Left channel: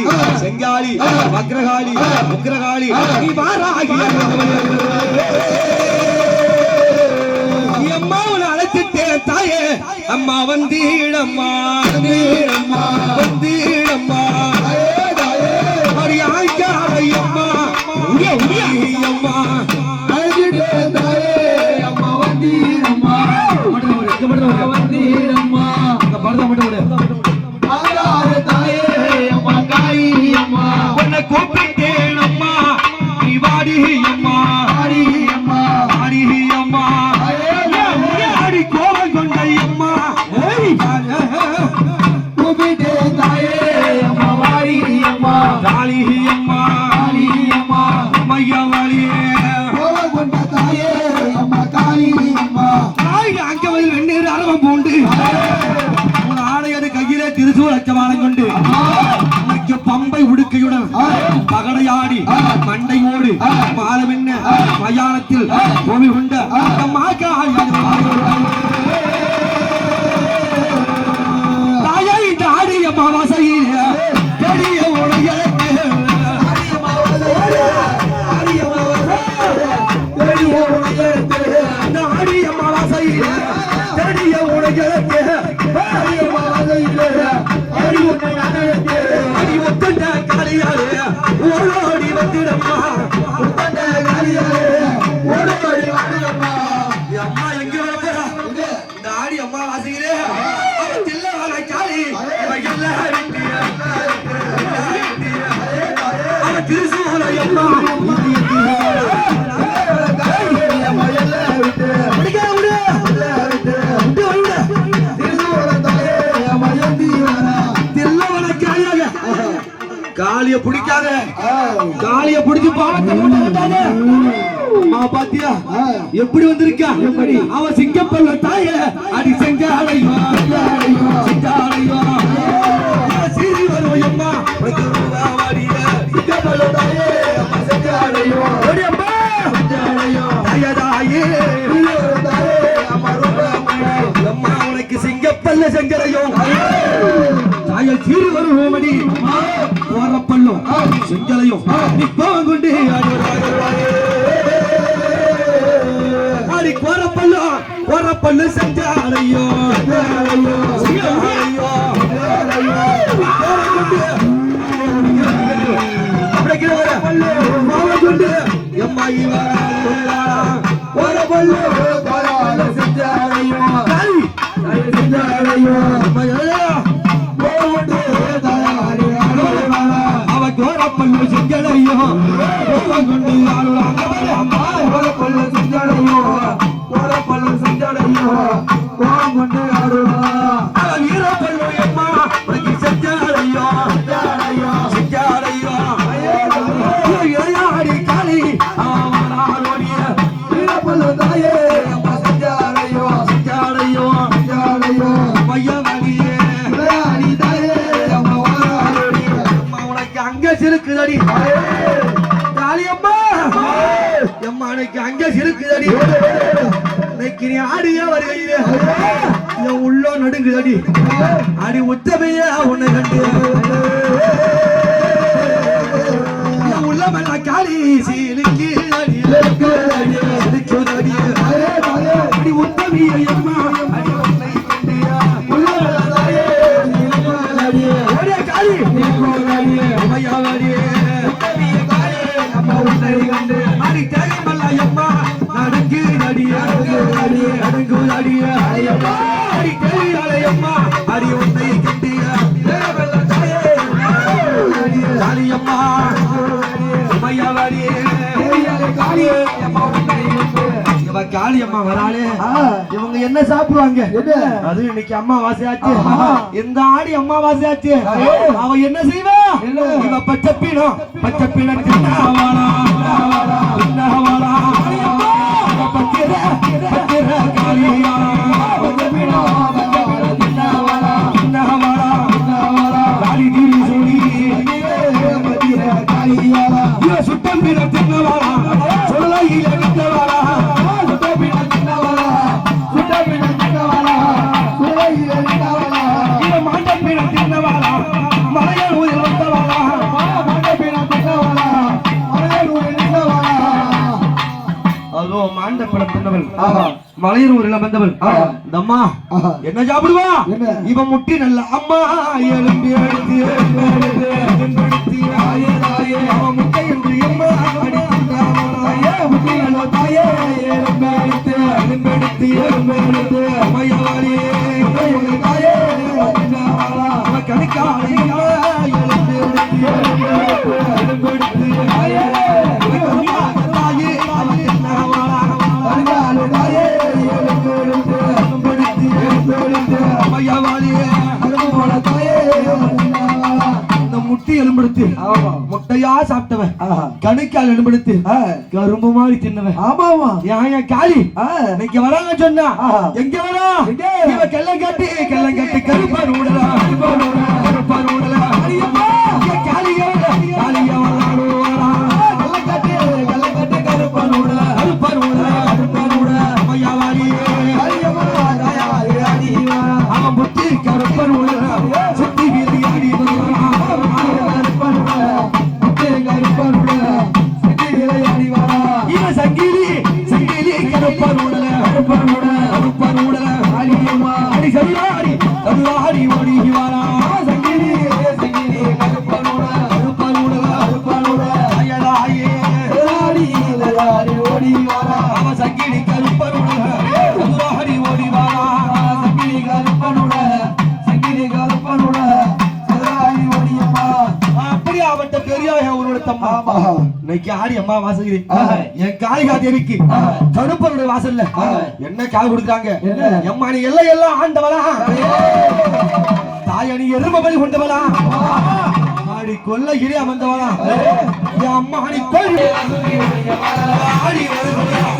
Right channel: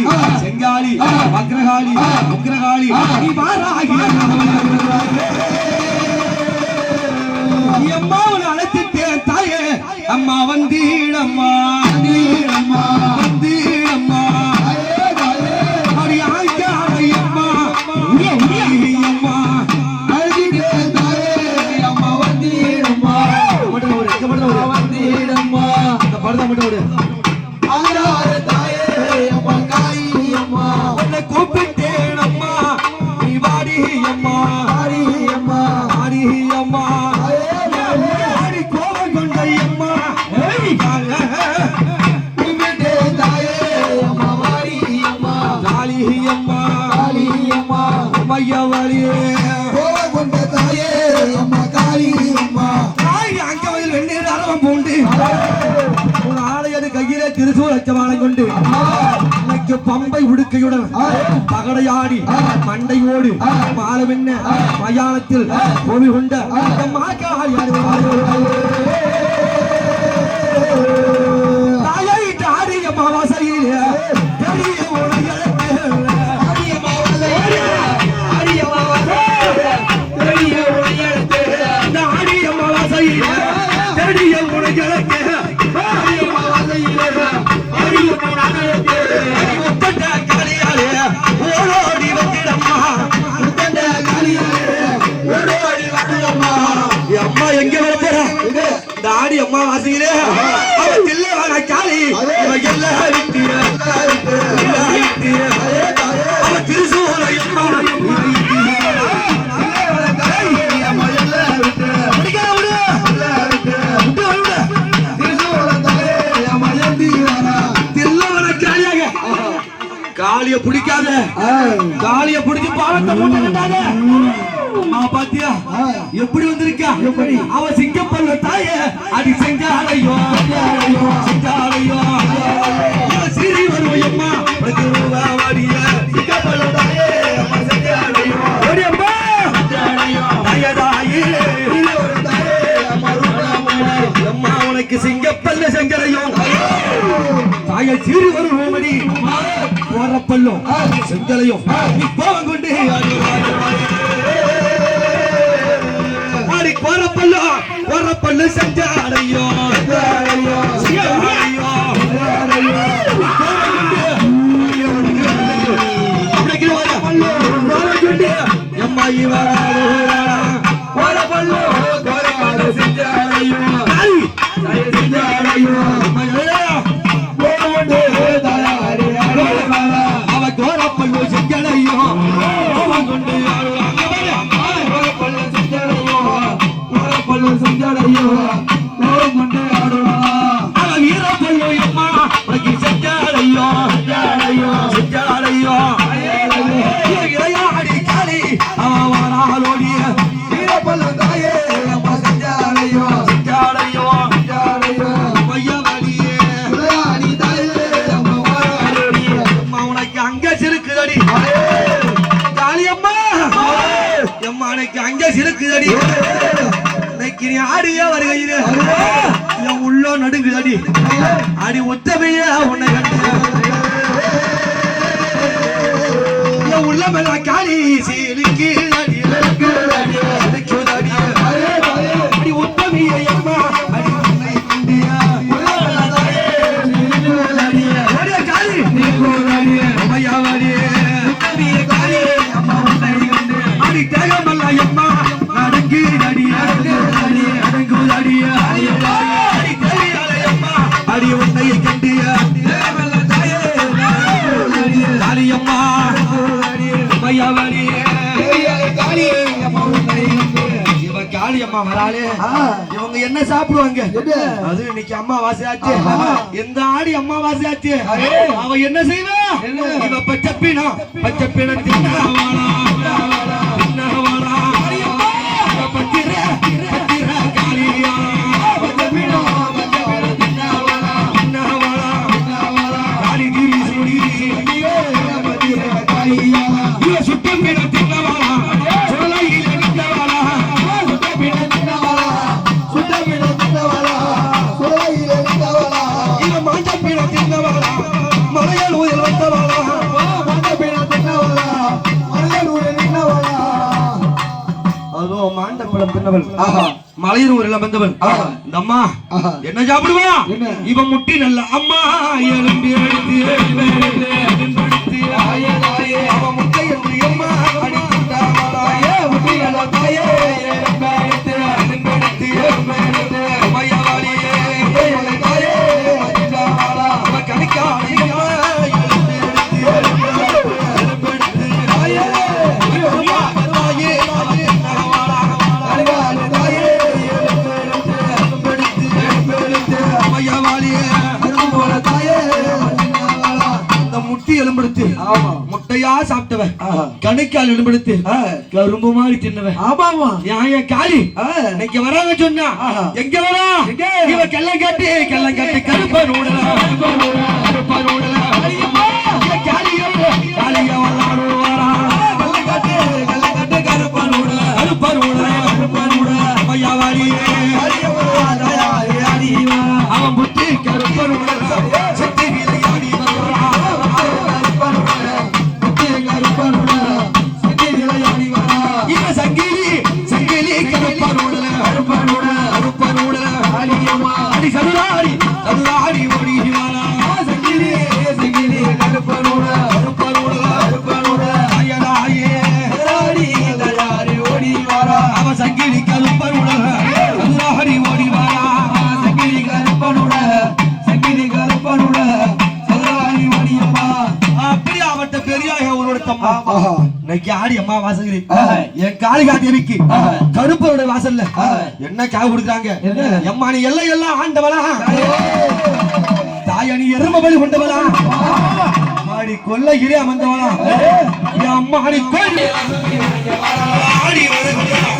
பத்ரகாளி செங்காளி வக்ரகாளி உக்ரகாளி நீ வாராகி அம்மா உன்னை அழைத்துட்டேன் தாயே அம்மா வந்தீடம்மா வந்தீடம்மா பம்பை உடுக்கையுடன் பகடையாடி மண்டையோடு பாலமென்ன மயானத்தில் பூமி கொண்ட காளிய பிடிக்காத காளிய பிடிச்சு பாலத்தை போட்டாங்க பாத்தியா எப்படி வந்திருக்கா அவன் சிங்கப்பல்ல தாய அடி செஞ்சாலையோ செஞ்சாலையோ சீரி வருவையம்மா உனக்கு சிங்கப்பல்ல செஞ்சலையோ தாய சீரி வருவோமடி பல்லோ செஞ்சலையும் கோவம் கொண்டு பல்லு செஞ்சாலையோ எம்மாயி பல்லு செஞ்சாலையோ செஞ்சாலையோ பல்லு செஞ்சலையோ கொண்டு பல்லு செஞ்சலையோ பல்லு செஞ்சலையோ கொண்டு வீர பல்லு எம்மா செஞ்சாலையோ செஞ்சாலையோ இளையாடி காளி அவனோடிய வீர பல்லு தாயே செஞ்சாலையோ செஞ்சாலையோ செஞ்சாலையோ மையவாடியே இளையாடி தாயே இருக்குதடி காளியம்மா எம்மானைக்கு அங்க இருக்குதடி இன்னைக்கு நீ ஆடிய வருகையிலே என் உள்ள நடுங்குதடி அடி உத்தமைய உன்னை கண்டு என் உள்ளமெல்ல காளி சீலுக்கு அடி உத்தமைய எம்மா அடி உன்னை கண்டு காளி காளியம்மா வராளே இவங்க என்ன சாப்பிடுவாங்க அது இன்னைக்கு அம்மாவாசையாச்சு எந்த ஆடி அம்மாவாசையாச்சு அவ என்ன செய்வா இவ பச்சப்பினம் தின்னவாளா தின்னவாளா பத்திர காளியா சுத்தம் தின்னவாளா மலையாள வளையரும் ஒரு வந்தவள் இந்த அம்மா என்ன சாப்பிடுவா இவன் முட்டி நல்ல அம்மா எலும்பி எடுத்து எலும்பி எடுத்து அவன் முட்டை என்று அம்மா அடித்தாயே முட்டி நல்ல தாயே எலும்பி எடுத்து எலும்பி எடுத்து எலும்பி எடுத்து மையவாளியே தாயே அவன் கணிக்காளி எலும்பி எடுத்து எலும்பி எடுத்து தாயே முட்டி எலும்பெடுத்து முட்டையா சாப்பிட்டவன் கணைக்கால் எலும்பெடுத்து கரும்பு மாதிரி தின்னவன் ஆமாமா என் காளி இன்னைக்கு வராங்க சொன்னா எங்க வரா இவ கெல்லம் கட்டி கருப்பான் ஊடலா கருப்பான் ஊடலா அவன் புத்தி கருப்பன் செத்தி வீதியாடி இவன் சங்கிலி கருப்பன் அடி சதுராடி ஓடி வாரா சங்கிலி கருப்பன் ஓடி வாரா அவன் சங்கிலி கருப்பன் சதுராடி ஓடி வாரா இன்னைக்கு ஆடி அம்மா வாசகிறேன் என் காளிகா தேவிக்கு கருப்பருடைய வாசல்ல என்ன காவு கொடுக்குறாங்க எம்மா நீ எல்லாம் ஆண்டவளா தாயணி எருமை பலி கொண்டவளா மாடி கொல்லையிலே அமர்ந்தவளா என் அம்மா நீ ஆடி வருகிறா